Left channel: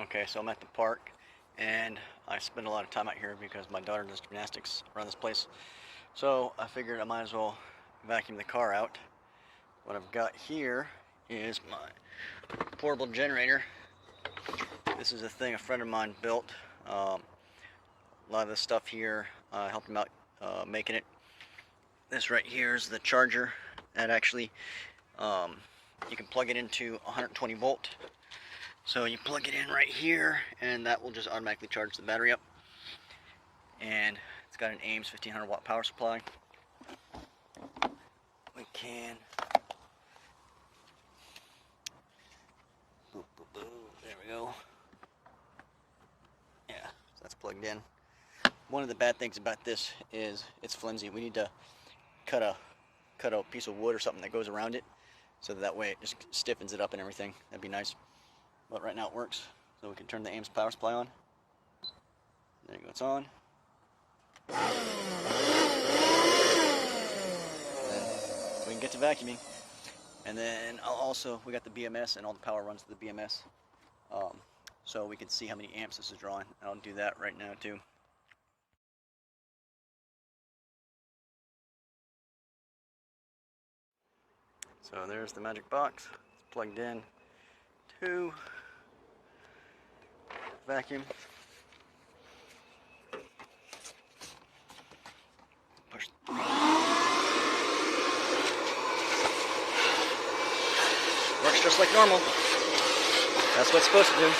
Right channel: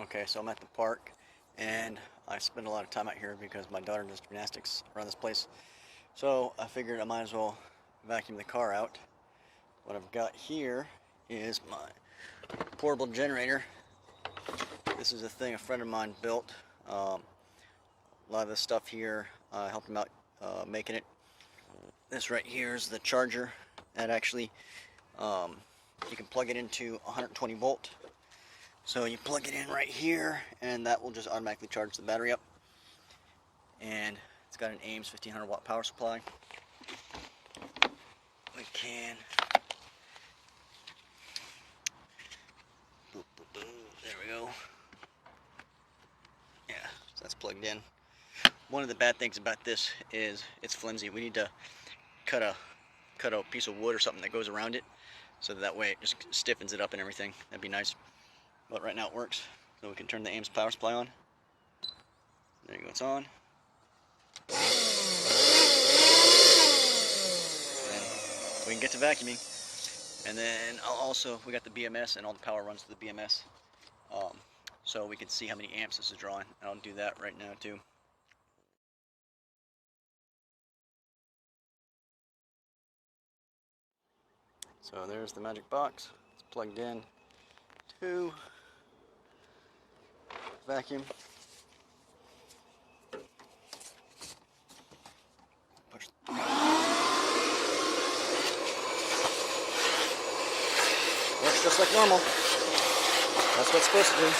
Okay, so I'm at the park, and I spend a lot of time out here because my daughter does gymnastics around this place. So I figured I might as well vacuum the car out. What I've got here is my portable generator. This is a thing a friend of mine built. A lot of this stuff here, I helped him out making it. This right here is the charger that actually, you can plug it into 120 volt. So you plug it in right here, and that will just automatically charge the battery up. And it's got an Ames 1500 watt power supply. We can, boop, boop, boop. There we go. Yeah, so that's plugged in. One of the bad things about this is it's flimsy. We need to cut a piece of wood or something that goes around it, so that way it just stiffens it up and everything. That'd be nice. But right now it works. So we can turn the Ames power supply on. There you go, it's on. And then we can get to vacuuming. And then we got the BMS, and all the power runs to the BMS. So we can see how many amps this is drawing. I'll do that right now too. So there's the magic box. It's plugged in to vacuum. Push. Works just like normal. That's what it's supposed to do.